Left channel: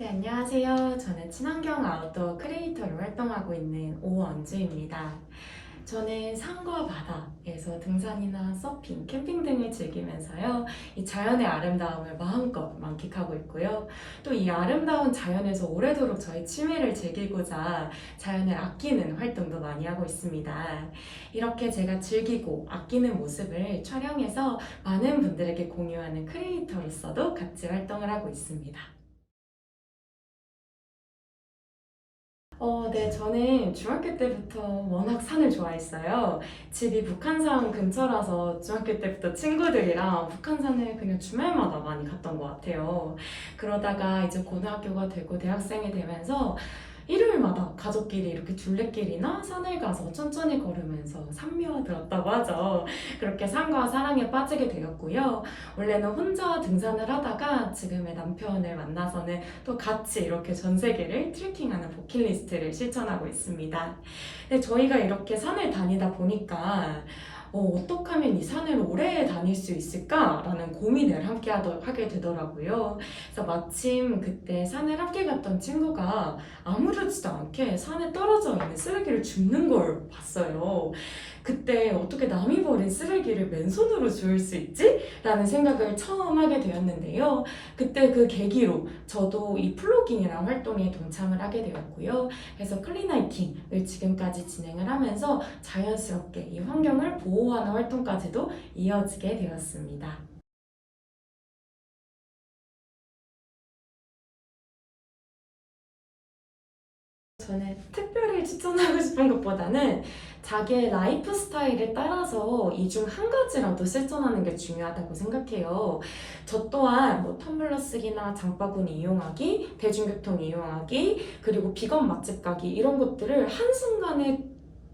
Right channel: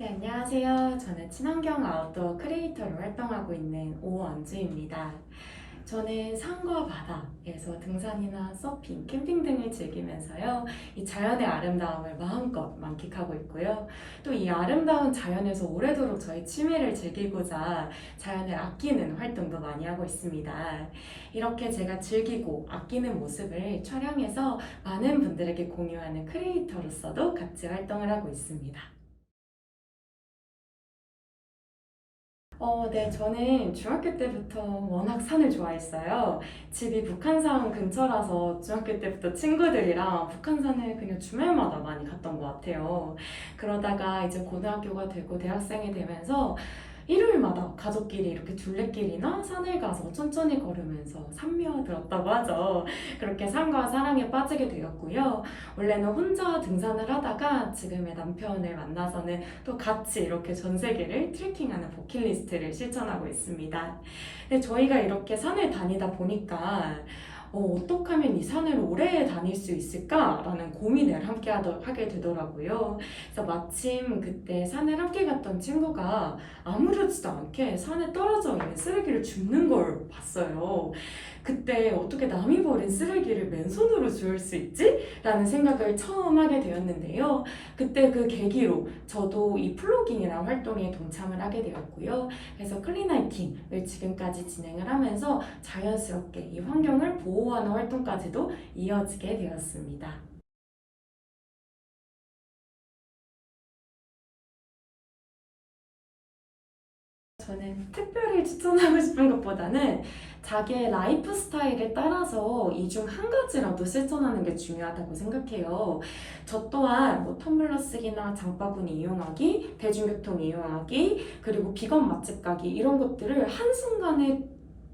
네, 안녕하세요. 저는 친환경 아웃도어 크리에이터로 활동하고 있는 오원주입니다. 저는 산과 바다에서 등산이나 서핑, 캠핑 등을 즐기면서요, 이 자연의 아름다움을 마음껏 만끽하고 있고요. 또 이 아름다운 자연에서 오래도록 저의 취미를 즐기고자 자연을 아끼는 활동도 많이 하고 있습니다. 이렇게 제가 즐기고 아끼는 모습을 촬영해서 많은 분들에게 공유하는 크리에이터로서도 같이 활동을 하고 있습니다. 네, 저는 중학교 때부터 워낙 산을 좋아했어요. 집이 북한산 근처라서 중학교 때부터 친구들이랑 북한산을 그냥 주말마다 많이 갔던 것 같아요. 그러다가 이제 고등학교가 되고 대학생이 되면서 일요일마다 가족끼리 이렇게 둘레길이나 산을 가서 천천히 걸으면서 산미화 들었다고 하죠. 그렇게 산과 사랑에 빠지게 되었고요. 원래는 혼자 등산을 하다가 지금의 남편을 만나서는 또 같이 이렇게 전 세계를 트레킹하는 버킷리스트를 실천하고 있습니다. 근데 저희가 이렇게 산을 다니다 보니까 어떻게 하면 이 산을 오래 다닐 수 있을까라는 고민을 하게 되더라고요. 그래서 마침 그때 산을 함께 갔던 친구가 아무렇지도 않게 산에 떨어져 있는 쓰레기를 줍는 걸 봤어요. 그때 어떻게 남이 버린 쓰레기를 맨손으로 주울 수 있지? 라는 생각을 처음 하게 되었는데요. 그때 그 계기로 저도 이 플로깅이라는 활동에 동참을 하게 되었고요. 그래서 클린하이킹을 지금까지 진행을 하면서 자연스럽게 이 환경을 보호하는 활동까지도 이어지게 되었습니다. 저는 특별히 추천하고 싶은 것보다는 자기의 라이프 스타일에 따라서 이 중 한 가지라도 실천하는 게 중요하다고 생각해요. 저 또한 뭐 텀블러 쓰기나 장바구니 이용하기, 대중교통 이용하기, 그리고 비건 맛집 가기 이런 것들을 한순간에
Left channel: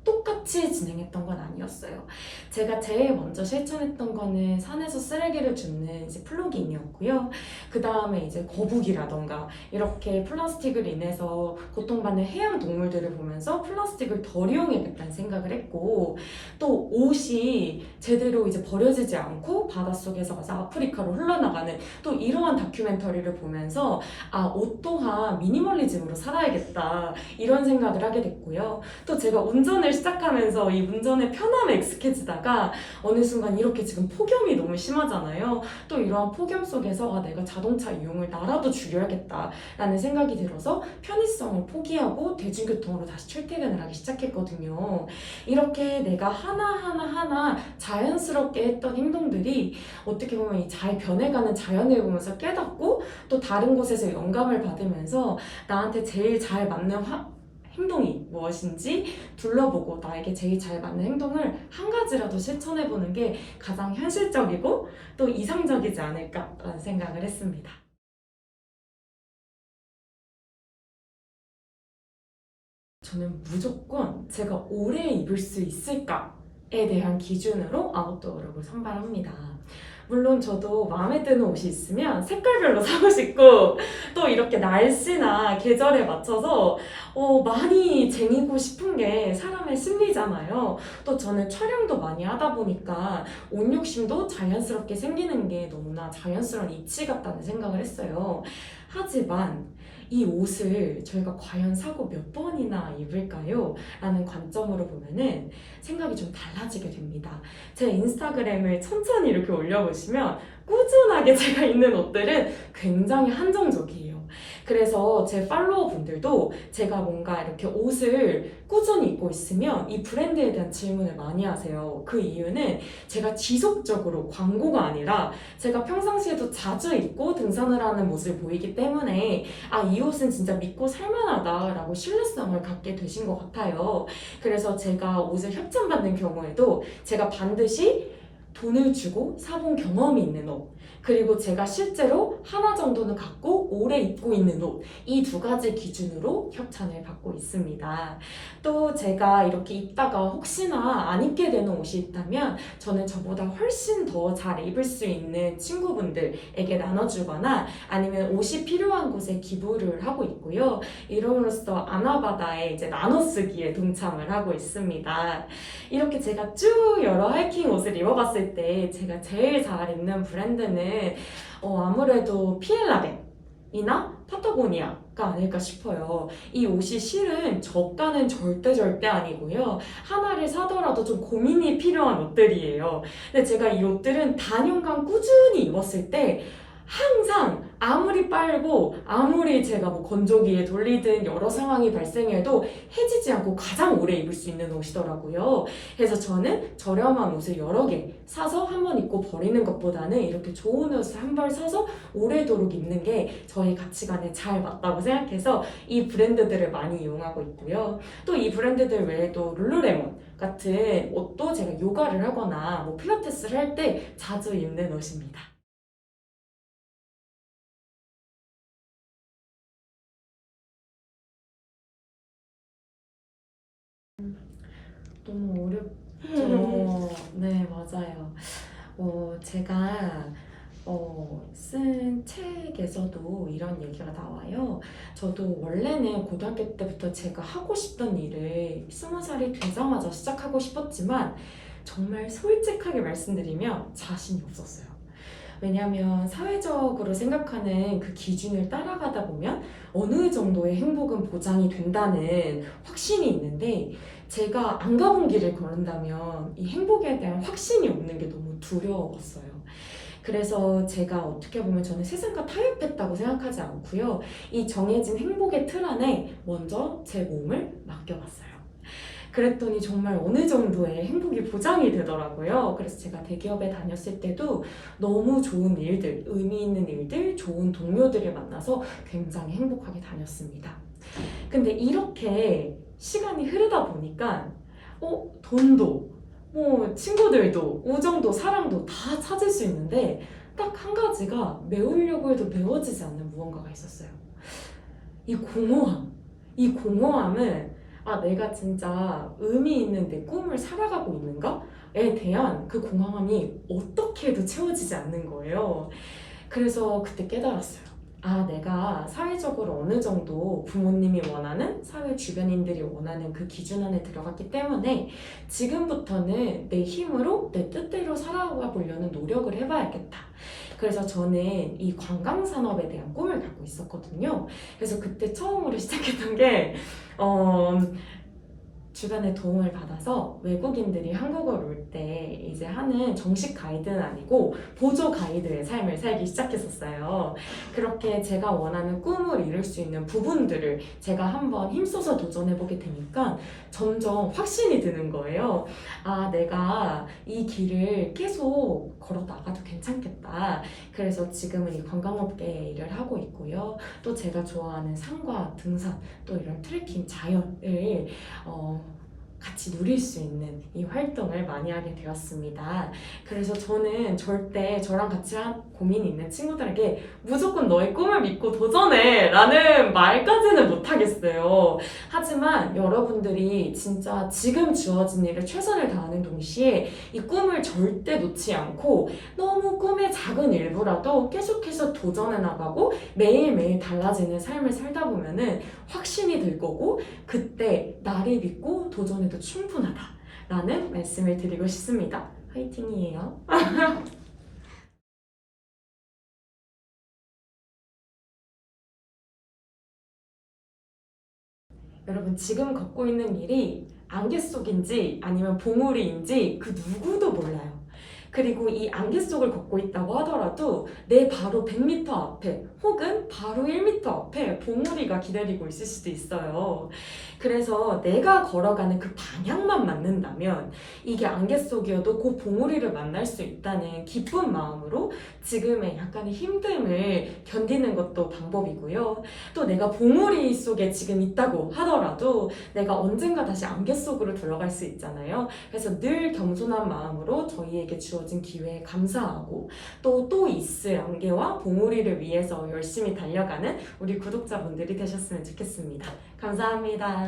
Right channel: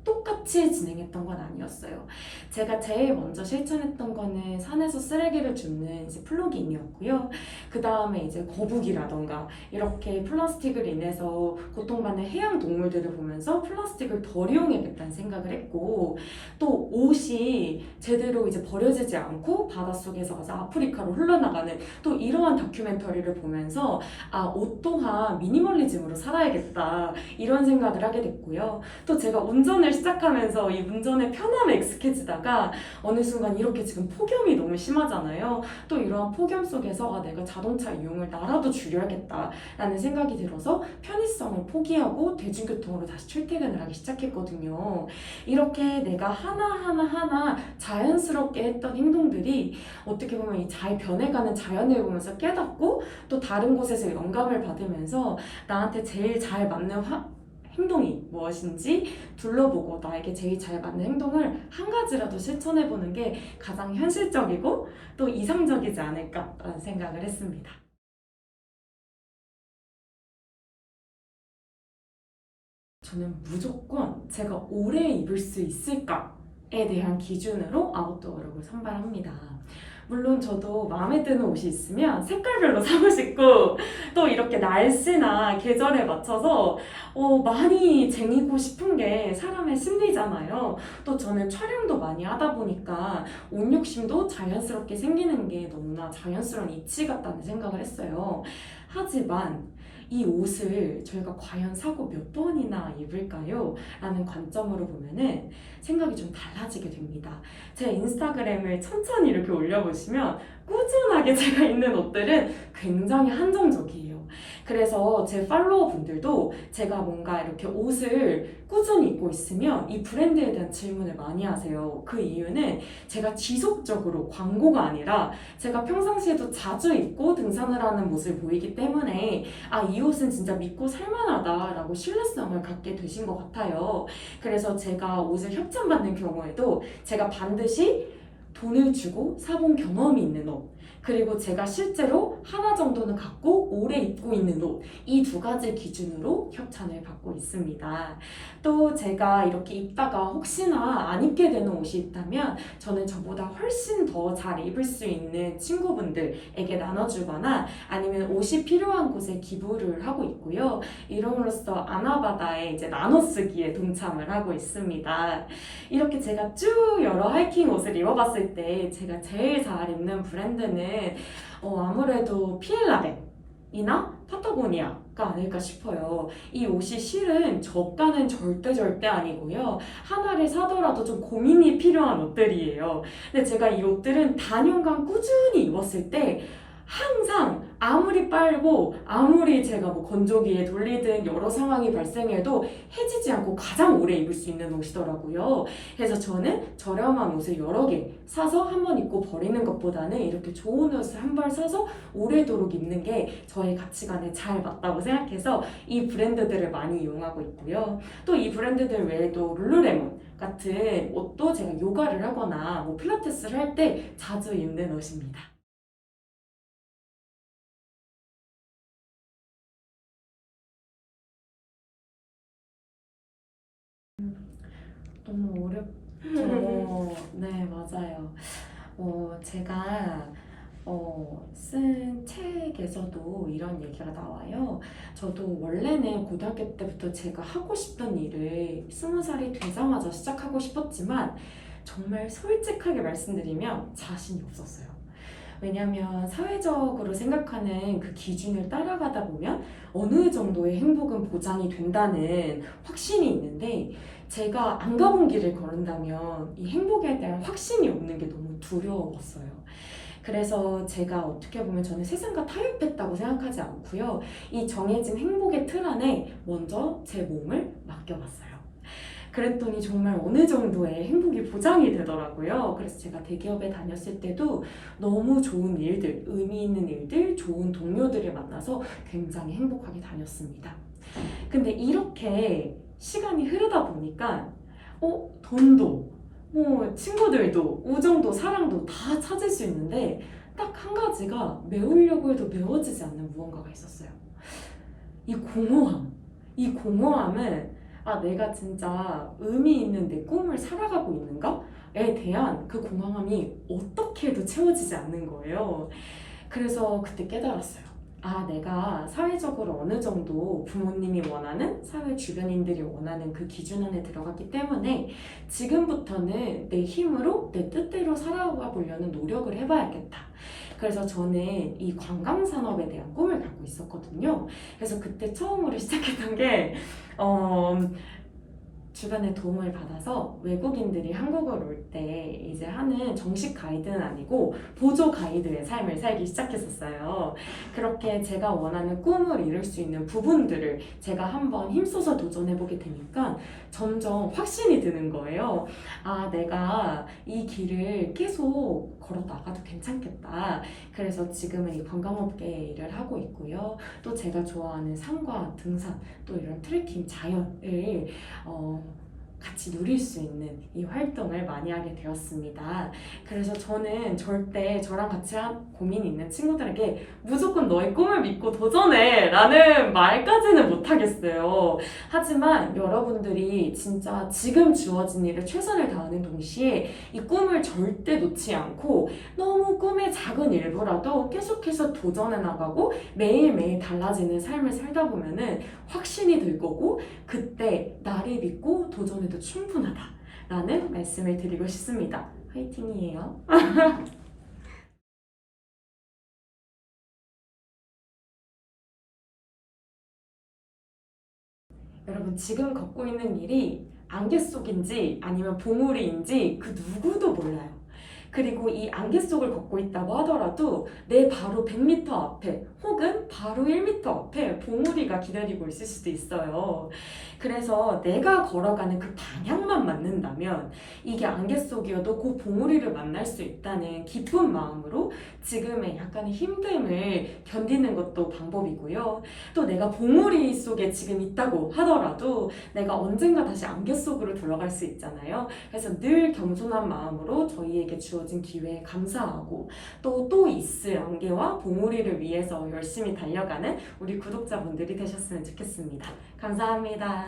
똑같이 진행했던 건 아니었어요. 제가 제일 먼저 실천했던 거는 산에서 쓰레기를 줍는 이제 플로깅이었고요. 그 다음에 이제 거북이라던가 이렇게 플라스틱을 인해서 고통받는 해양 동물들을 보면서 플라스틱을 덜 이용해야겠다는 생각을 했고, 또 옷이 제대로 이제 버려지지 않고 바닷속에서 가서 아프리카로 흘러나가는 또 이러한 다큐멘터리를 보면서 옷 또한 미니멀리즘으로 살아야겠다 이런 생각을 하게 됐고요. 또 제가 운전을 시작하면서 이 운전의 편함에 익숙해지다가 어느 순간 이렇게 지금 폭염이 너무 심하잖아요. 또 이러한 폭염 속에서 내가 자동차 이용을 나라도 줄여야겠다라는 생각이 들어서 편의성을 포기하고 대중교통으로 다시 출퇴근을 하기 시작했거든요. 이렇게 내가 하나하나 자연스럽게 했던 행동들이 어떻게 보면 이 잘 변해가는 자연을 보면서 깨닫고 또 다른 곳에서 영감을 받으면서 나한테 제일 잘 맞는 행동이 무엇인지 둘러보고 나에게 제일 잘 맞는 행동을 한 가지라도 실천해보는 게 가장 현실적이고 또 이상적이지 않을까라는 생각을 했습니다. 저는 무조건 제가 오래 입을 수 있을까에 대한 기준으로 아웃도어룩을 선발합니다. 물론 저도 마음에 드는 옷이 있으면 색깔별로 사고 싶고 또 이렇게 날씨나 계절에 맞춰서 많이 쟁이고 싶은 게 사람의 심리잖아요. 또 저는 촬영도 많이 하다 보니까 옷 욕심도 자연스럽게 생기는 게 너무나 자연스러운 이치 같다는 생각을 했어요. 하지만 이 옷을 저희가 과연 사고 몇 번이나 입을까요? 라는 관점으로 보면은 생각이 좀 달라지게 됩니다. 제 인스타그램을 천천히 이렇게 올려보시면 꾸준하게 제가 입는 옷들은 굉장히 한정적이에요. 그래서 제 팔로워 분들도 제가 뭔가 이렇게 옷을 꾸준히 입고 있으면 이 브랜드에 대한 질문을 많이 하세요. 그 이유는 제가 지속적으로 광고가 아니라 제가 평상시에도 자주 입고 등산을 하는 모습을 보이기 때문에 이 옷은 진짜 믿고 살만하다라고 신뢰성을 갖게 되신 것 같아요. 그래서 제가 옷을 협찬받는 경우에도 제가 반드시 돈을 주고 사본 경험이 있는 옷, 그리고 제가 실제로 하나 정도는 갖고 오래 입고 있는 옷, 이 두 가지 기준으로 협찬을 받고 있습니다. 또 제가 이렇게 입다가 혹시나 안 입게 되는 옷이 있다면 저는 저보다 훨씬 더 잘 입을 수 있는 친구분들에게 나눠주거나 아니면 옷이 필요한 곳에 기부를 하고 있고요. 이름으로써 아나바다에 이제 나눠쓰기에 동참을 하고 있습니다. 이렇게 제가 쭉 여러 하이킹 옷을 입어봤을 때 제가 제일 잘 입는 브랜드는 아무래도 피엘라벤 이나 파타고니아가 아닐까 싶어요. 이 옷이 실은 저가는 절대 아니고요. 하나를 사더라도 좀 고민이 필요한 옷들이에요. 근데 제가 이 옷들은 단연간 꾸준히 입었을 때 항상 아무리 빨고 아무리 제가 뭐 건조기에 돌리든 여러 상황이 발생해도 해지지 않고 가장 오래 입을 수 있는 옷이더라고요. 그래서 저는 저렴한 옷을 여러 개 사서 한 번 입고 버리는 것보다는 이렇게 좋은 옷을 한 벌 사서 오래도록 입는 게 저의 가치관에 잘 맞다고 생각해서 이 브랜드들을 많이 이용하고 있고요. 또 이 브랜드들 외에도 룰루레몬 같은 옷도 제가 요가를 하거나 뭐 필라테스를 할 때 자주 입는 옷입니다. 너무 어렵죠. 네, 맞아요. 제가 쓴 책에서도 이런 얘기가 나와요. 저도 원래는 고등학교 때부터 제가 하고 싶던 일을 20살이 되자마자 시작하고 싶었지만 정말 솔직하게 말씀드리면 자신이 없었어요. 왜냐하면 사회적으로 생각하는 그 기준을 따라가다 보면 어느 정도의 행복은 보장이 된다는 확신이 있는데 제가 안 가본 길을 걸은다면 이 행복에 대한 확신이 없는 게 너무 두려웠어요. 그래서 제가 어떻게 보면 저는 세상과 타협했다고 생각하지 않고요. 이 정해진 행복의 틀 안에 먼저 제 몸을 맡겨봤어요. 그랬더니 정말 어느 정도의 행복이 보장이 되더라고요. 그래서 제가 대기업에 다녔을 때도 너무 좋은 일들, 의미 있는 일들, 좋은 동료들을 만나서 굉장히 행복하게 다녔습니다. 근데 이렇게 시간이 흐르다 보니까 돈도 뭐 친구들도 우정도 사랑도 다 찾을 수 있는데 딱 한 가지가 메우려고 해도 메워지지 않는 무언가가 있었어요. 이 공허함. 이 공허함은 내가 진짜 의미 있는 내 꿈을 살아가고 있는가에 대한 그 공허함이 어떻게 해도 채워지지 않는 거예요. 그래서 그때 깨달았어요. 내가 사회적으로 어느 정도 부모님이 원하는, 사회 주변인들이 원하는 그 기준 안에 들어갔기 때문에 지금부터는 내 힘으로 내 뜻대로 살아가 보려는 노력을 해봐야겠다. 그래서 저는 이 관광 산업에 대한 꿈을 갖고 있었거든요. 그래서 그때 처음으로 시작했던 게 주변의 도움을 받아서 외국인들이 한국을 올 때 이제 하는 정식 가이드는 아니고 보조 가이드의 삶을 살기 시작했었어요. 그렇게 제가 원하는 꿈을 이룰 수 있는 부분들을 제가 한번 힘써서 도전해보게 되니까 점점 확신이 드는 거예요. 내가 이 길을 계속 걸어 나가도 괜찮겠다. 그래서 지금은 이 관광업계에 일을 하고 있고요. 또 제가 좋아하는 산과 등산, 또 이런 트레킹, 자연을 같이 누릴 수 있는 이 활동을 많이 하게 되었습니다. 그래서 저는 절대 저랑 같이 고민이 있는 친구들에게 무조건 너의 꿈을 믿고 도전해 라는 말까지는 못하겠어요. 하지만 여러분들이 진짜 지금 주어진 일에 최선을 다하는 동시에 이 꿈을 절대 놓지 않고 너무 꿈의 작은 일부라도 계속해서 도전해 나가고 매일매일 달라지는 삶을 살다 보면은 확신이 들 거고 그때 나를 믿고 도전해도 충분하다 라는 말씀을 드리고 싶습니다. 화이팅이에요. 여러분 지금 걷고 있는 길이 안개 속인지 아니면 봉우리인지 그 누구도 몰라요. 그리고 이 안개 속을 걷고 있다고 하더라도 내 바로 100m 앞에 혹은 바로 1m 앞에 봉우리가 기다리고 있을 수도 있어요. 그래서 내가 걸어가는 그 방향만 맞는다면 이게 안개 속이어도 그 봉우리를 만날 수 있다는 기쁜 마음으로 지금의 약간의 힘듦을 견디는 것도 방법이고요. 또 내가 봉우리 속에 지금 있다고 하더라도 내가 언젠가 다시 안개 속으로 들어갈 수 있잖아요. 그래서 늘 겸손한 마음으로 저희에게 주어진 기회에 감사하고 또 있을 안개와 봉우리를 위해서 열심히 달려가는 우리 구독자분들이 되셨으면 좋겠습니다. 감사합니다.